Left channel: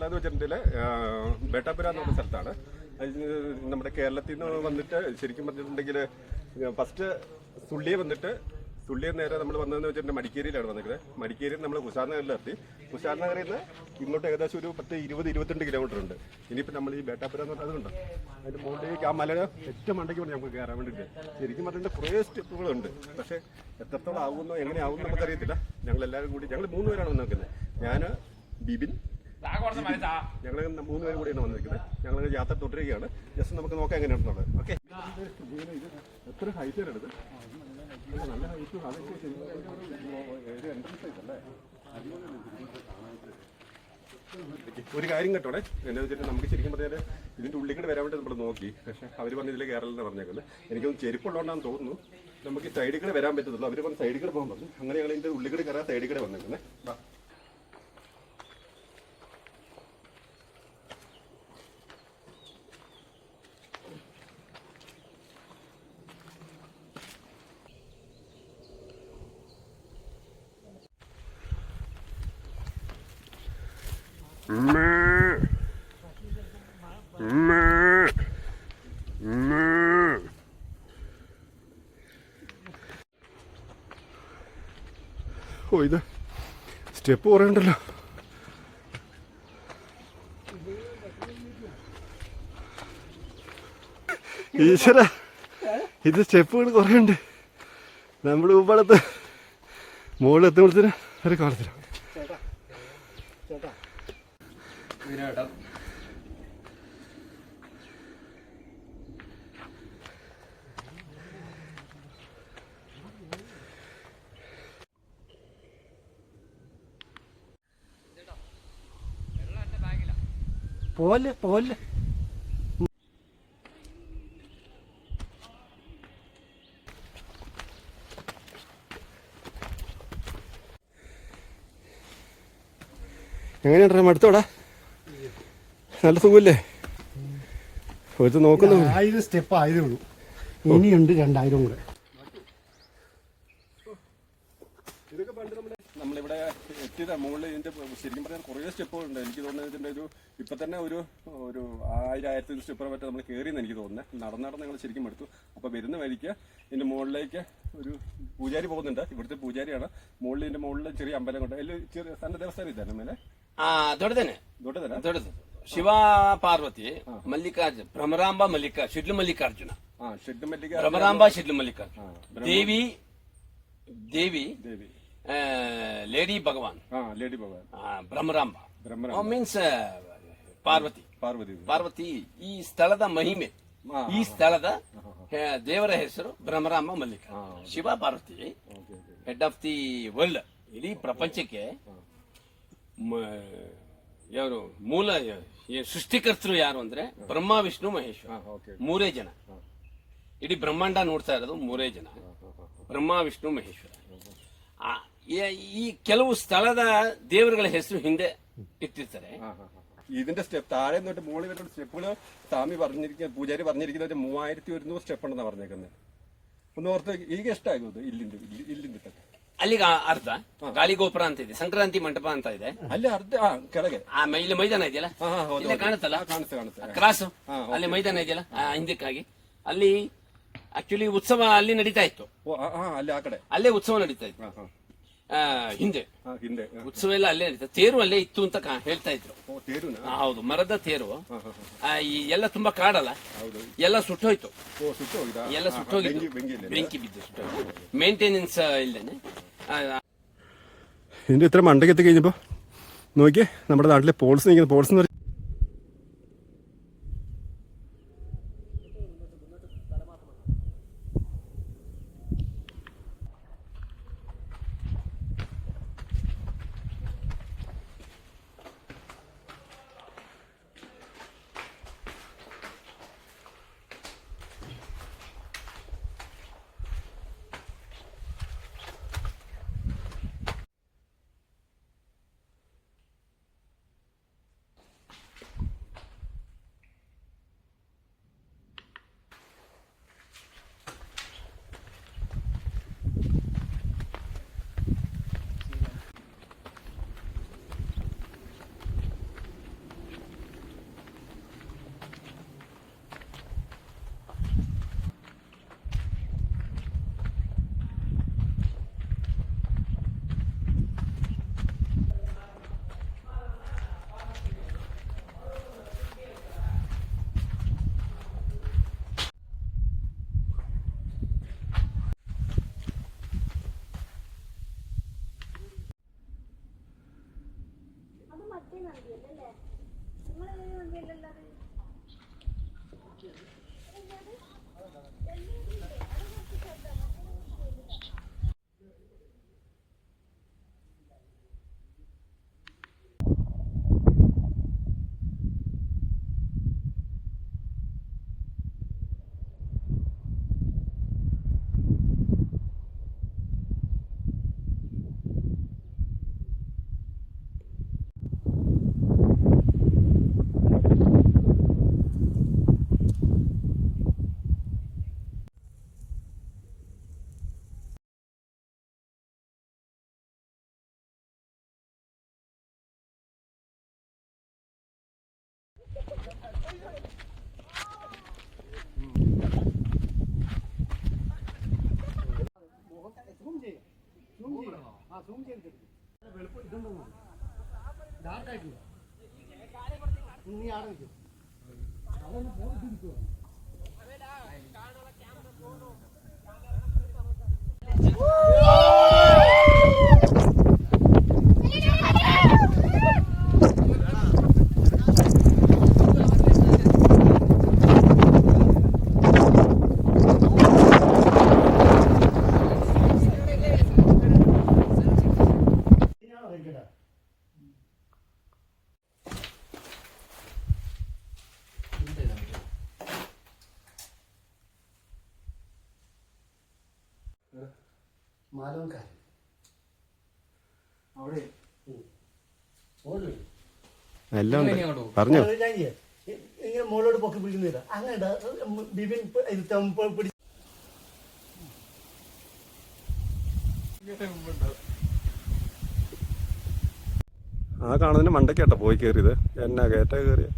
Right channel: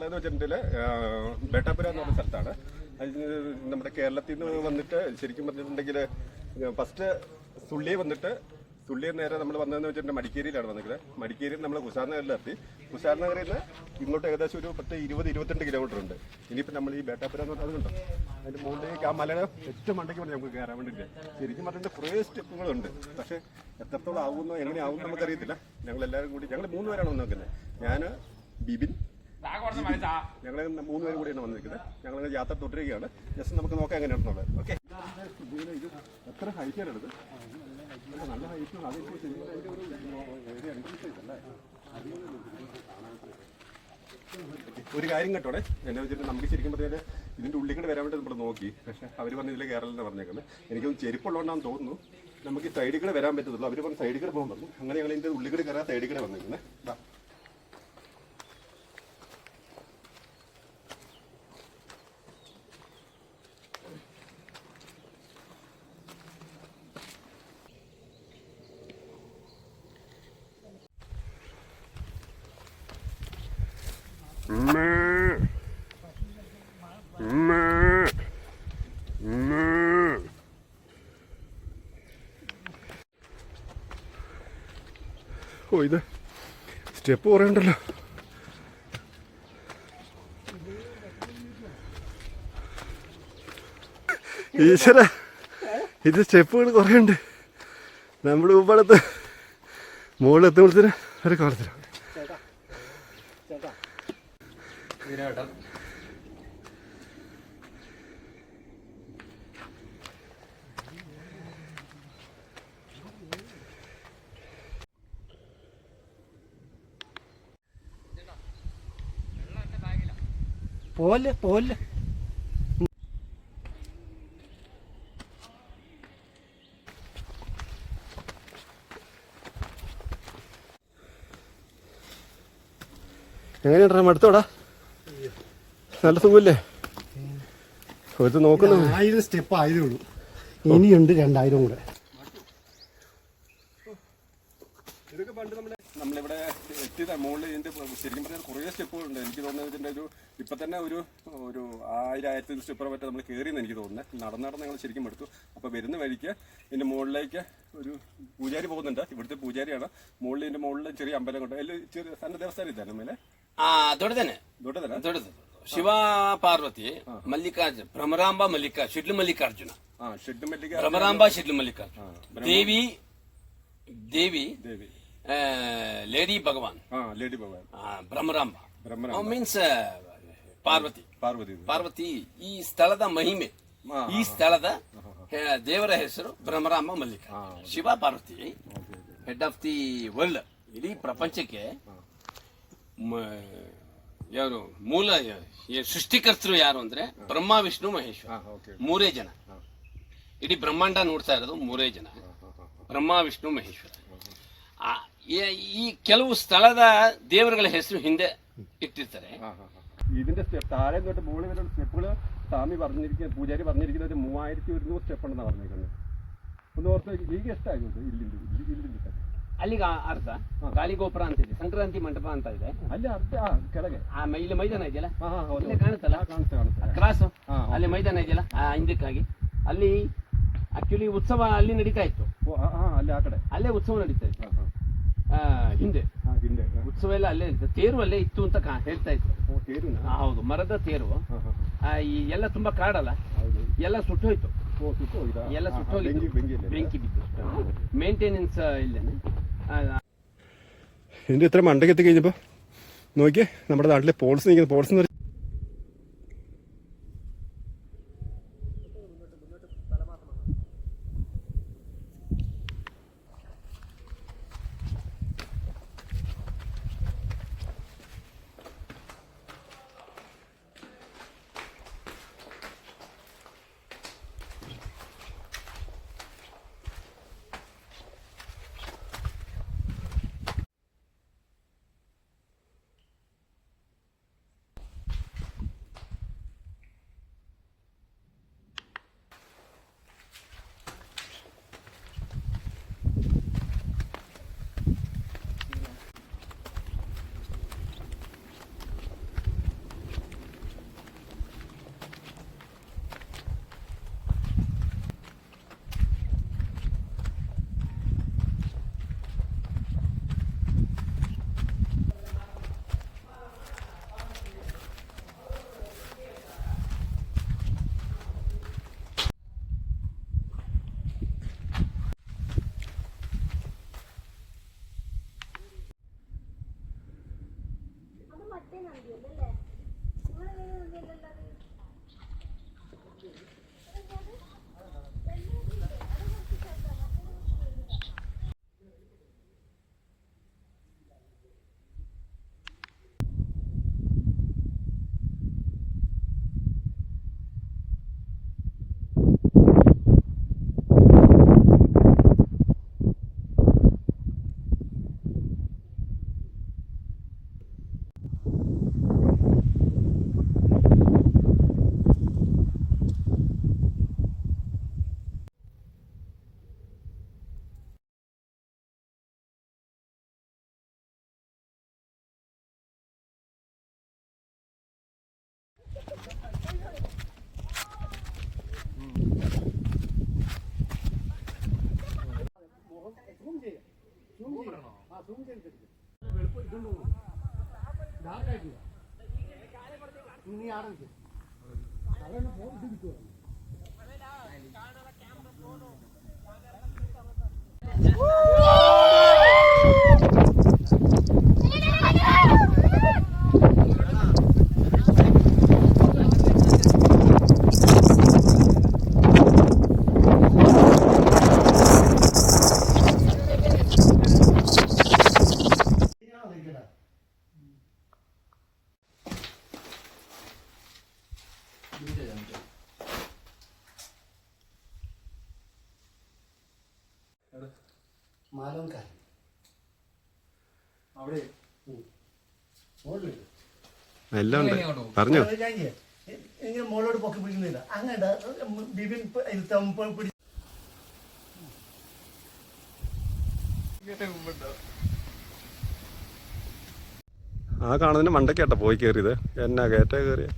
ഉള്ളതെന്ന് വെച്ചിട്ടുണ്ടെങ്കിൽ ബേട്ടാപുര എന്ന് പറഞ്ഞ സ്ഥലത്താണ്. നമ്മുടെ കേരളത്തിൽ നിന്ന് വന്നിട്ട് ശരിക്കും പറഞ്ഞിട്ടുണ്ടെങ്കിൽ ഫസ്റ്റ് സുള്ളിയെ വന്നിട്ട് സുള്ളിയെ നേരെ നമ്മൾ വന്നതെന്ന് വെച്ചിട്ടുണ്ടെങ്കിൽ മടിക്കേരിയിലാണ് വന്നിരിക്കുന്നത്. മടിക്കേരിയിൽ നമ്മൾ കുസാർ നഗറിൽ എത്തി കുസാർ നഗറിൽ നിന്ന് ഇങ്ങോട്ട് ഏകദേശം ഒരു പത്ത് ഇരുപത് ഇരുപത്തിരണ്ട് കിലോമീറ്റർ ഉണ്ട്. ഇനിയിപ്പോൾ നമ്മൾ ഈ ബേട്ടാപുര എന്ന് പറഞ്ഞാൽ അതുണ്ട് അതിന്റെ മുകളിലേക്ക് ആ മലയുടെ ഏറ്റവും മണ്ടയ്ക്ക് വേണ്ടി നമുക്ക് കയറാൻ വേണ്ടിയിട്ട്. ശരിക്കും പറഞ്ഞിട്ട് കുറേ സ്റ്റെപ്പുകളുണ്ട്. പക്ഷേ എത്രത്തോളം ആകുമെന്നോ എങ്ങനെ നമുക്കറിയത്തില്ല. ഞങ്ങൾ എല്ലാവരും കൂടി ഞങ്ങൾ മൂന്ന് പേരാണ് വന്നിരിക്കുന്നത് ഞാൻ ബിബിൻ ഞങ്ങൾ മൂന്ന് പേര് കൂടിയാണ് വന്നിരിക്കുന്നത്. ഞങ്ങൾ യാത്ര തുടരുകയാണ്. ജസ്റ്റ് നമുക്ക് നോക്കാം എങ്ങനെയാണെന്നുള്ളത് ഓക്കെ. എത്ര ഹൈറ്റ് വരണത് നല്ല ഹൈറ്റ് ഒരു കാര്യം കേട്ടോടെ. എന്നെ വെച്ചിട്ട് നമുക്ക് ശരിക്കും പറഞ്ഞാൽ ഇതിന്റെ ഉള്ളിൽ കൂടെ വരാൻ വേണ്ടി നമ്മൾ നോക്കി. പക്ഷെ അവർ പറഞ്ഞ ഇതിൽ കയറലെന്ന് പറഞ്ഞേക്കുന്നത്. എനിക്കൊന്ന് ചെരുപ്പുള്ളതുകൊണ്ടാന്ന് തോന്നുന്നു. നമുക്ക് ഈ സൈഡിൽ കൂടെ വരാൻ പറ്റത്തുള്ളൂ. അവർ പറഞ്ഞ സൈഡിൽ കൂടെ പോകാൻ പറഞ്ഞു. അങ്ങനെ ഞങ്ങൾ ഇതിന്റെ ഉള്ളിൽ കൂടെ കയറാൻ സൈഡിൽ കൂടെ വന്നേക്കുന്നത് ഓ ഇത് സ്റ്റെപ്പ് പറയണ്ടല്ലോ ഈശ്വര ഇത് സ്റ്റെപ്പുകൾ കുറേ ഉണ്ട് നമ്മൾ മുമ്പടത്ത് മുകളിൽ എത്തുമ്പോഴത്തേന് ഒരു കാലത്തിലാണ് പോലെ പോലെ. എങ്ങനെയുണ്ടാ മടുത്തോടാ നല്ല സുഖമല്ലേ? ഒരു നോക്കുന്നു. ആയിരം സ്റ്റെപ്പ് ആയിരം ഉള്ളൂ. ഇനിയുണ്ട് രണ്ടായിരം കൂടെ. ഇതൊക്കെ പണ്ട് നമ്മുടെ നമ്മളിവിടെ എത്തിയത് മുകളിൽ ഇതിന്റെ ശരിക്കും പറഞ്ഞാൽ കുറേ സ്റ്റെപ്പുകളുണ്ട് എനിക്ക് തോന്നുന്നത് ഇതിന്റെ ഒരു ഇപ്പൊ തന്നെ ഒരു ഒരു ആയിരം ആയിരത്തി സ്റ്റെപ്പ് പറ്റി നമ്മൾ കയറിയെന്ന് എനിക്ക് തോന്നുന്നത് നടന്ന് നടന്ന് ഞങ്ങൾ ശരിക്കും എടുത്തു. അപ്പൊ വരുന്ന വഴിക്ക് ഇതിന്റെ മുകളിലേക്ക് ഒരു പൂജാരി പോകുന്നുണ്ട്. ഇവിടുത്തെ പൂജാരിയാണ്. മുകളിൽ ഇതിന്റെ മുകളിൽ ചെറിയ അമ്പലം കൊണ്ട് അതിൽ ചെറിയ തന്റെ ദേവസ്ഥാനം ഇതാണ് മേലെ? തന്നെ. തന്നെ. ಶಿವ ಪಾರ್ವತಿ ಮಲ್ಲಿಕಾರ್ಜುನ ಭ್ರಮರಾಂಬ ಮಲ್ಲಿಕಾ ಶಿಡ್ಲು ಮಲ್ಲಿಕಾರ್ಜುನ. ಭ್ರಮರಾಂಬ ಶಿಡ್ಲು ಮಲ್ಲಿಕಾರ್ಜುನ. ದೇವಿ ದೇವಿ ದೇವಿ. ಲೇಡಿ ಭಗವಾನ್. ಹಾ lady Bhagwan. Bhramaramba. Bhramaramba. Oh, means Parvati. Parvati Parvati ಈ ಸ್ಥಳದ ಮಹಿಮೆ ಈ ಸ್ಥಳದ ದೇವರ ಹೆಸರು Bhramarama Mallika. Shiva Parvati head of the world ಇಡೀ ಪ್ರಪಂಚಕ್ಕೆ ಯಾರು ಮೂಲ ಈ ಸೃಷ್ಟಿಕರ್ತರು ಯಾರು ಅಂದ್ರೆ ಬ್ರಹ್ಮ ವಿಷ್ಣು ಮಹೇಶ್ವರ ആ ഓക്കെ ಮೂರೇ ಜನ ಇಡೀ ಬ್ರಹ್ಮಾಂಡ ನೋಡ್ತಾ ಇರೋದು ಮೂರೇ ಜನ ಬ್ರಹ್ಮ ವಿಷ್ಣು ಮಹೇಶ್ವರ ಆ, ಈ- ಈ ಕೆಲವು ಸ್ಥಳದ ದೇವರುಗಳ ಹೆಸರು ಹಿಂದೆ ಇಟ್ಟಿರ್ತಾರೆ ആ, ആ, ആ. ഇതിന്റെ സ്റ്റെപ്പ് താഴെ തൊട്ട് മുകളിൽ വരുന്ന സ്റ്റെപ്പുകൾ സ്വാമി പറഞ്ഞിരിക്കുന്ന പൂജാരി പറഞ്ഞിരിക്കുന്നത് ഒരു മൂവായിരത്തി ഒരുന്നൂറ് സ്റ്റെപ്പ് ഉണ്ടെന്നാണ് പറഞ്ഞേക്കുന്നത് ഒന്ന് ഓർത്ത് ಈಗ ಎಷ್ಟಾಗೋದು ಇಲ್ಲಿಂದ ಇಲ್ಲಿ- ಇಲ್ಲಿಂದ ತನಕ? ಅಲ್ಲಿಗೆ ಆ- ಅರ್ಧ ಗಾಳಿಗೋಪುರ ಅಂತ ಇದೆ ಸಂಕ್ರಾಂತಿ ಮಂಟಪ ಅಂತ ಇದೆ. ಅಲ್ಲಿ ಅರ್ಧ ಆ, ಕೆಳಗೆ. ಆ ಮ- ಇಲ್ಲಿ ಮೈದಾನ ಇದೆಯಲ್ಲ? ಹಾ, ಹಾ, ಹೌದು, ಇಲ್ಲೇ ಕಾಣುತ್ತಲ್ಲ? ಕಾಣುತ್ತೆ ಕಾಣುತ್ತೆ. ಕಾಣಿಸ್ತೆ ಕ್ರಾಸ್? ಹಾ, ಹೌದು. ಅಲ್ಲಿ ಮೈದಾನ ಇದೆಯಲ್ಲ? ಆ ಹಿಂದಕ್ಕಾಗಿ. ಅಲ್ಲಿ ಆಕ್ಚುಲಿ ಉತ್ಸವ ಅಲ್ಲಿ ನಡೀತಾ ಇತ್ತು. ಓ ಆ, ಆ, ಅಲ್ಲಿ ಆ ಕಡೆ. ಅಲ್ಲೇ ಉತ್ಸವ ನಡೀತಾ ಇತ್ತು. ಹಾ, ಹಾ. ಆ, ಹಿಂದೆ. ಹಾ, ಹಿಂದೆ. ಹಾ. ಉತ್ಸವ ಎಲ್ಲ ಅಲ್ಲೇ ನಡೀತಾ ತೇರು ಅಲ್ಲೇ ಇತ್ತು ಅಂತ ಕಾ- ಹೇಳ್ತಾ ಇತ್ತು ಓ ತೇರುನಾ? ಆ, ಹೌದು ಮರದ ತೇರು. ಹಾ, ಹಾ, ಹಾ. ಆ, ಈ ಎಲ್ಲ ತುಂಬಾ ಕಾಡಲ್ಲ. ಹೌದು. ಎಲ್ಲ ಸುಟ್ಟೋಯ್ತು. ಓ ಸುಟ್ಟು ಹೋಗಿದಾ ಎಲ್ಲ ಹಾ, ಹಾ, ಸುಟ್ಟೋಗಿತ್ತು. ಬೆಂಕಿ ಬೆಂಕಿಯಲ್ಲಿ ಬೆಂಕಿ ಬಿದ್ದು ಸುಟ್ಟೋಯ್ತು ಮೇಂಟೆನೆನ್ಸ್ ಇಲ್ಲೇನೆ ಆ, ഇതിന്റെ ഇത്ര മണ്ടയ്ക്ക് എത്തി കഴിഞ്ഞപ്പോൾ നോക്കിയേ നമ്മുടെ നാട്ടിലെ പോൾസ് നിൽക്കുന്ന. പോൾസ് എന്ന് Gracias. நாற்காய்க்கு நீ ஆரம்பிச்சு அவன் போட்டு മാലോൻകാരൻ അവിടെ എല്ലാം ഉണ്ട്. പറഞ്ഞോ? ഇങ്ങനെ മോളോട് പൊക്കി പിടിക്കുന്നില്ല അങ്ങനെ ബിബിൻ പിടി ആ കാണുന്നതിന് മണ്ടക്കേട്ടാ പോയി കയറിയത്. എന്നാ കയറ്റ കയറിയ?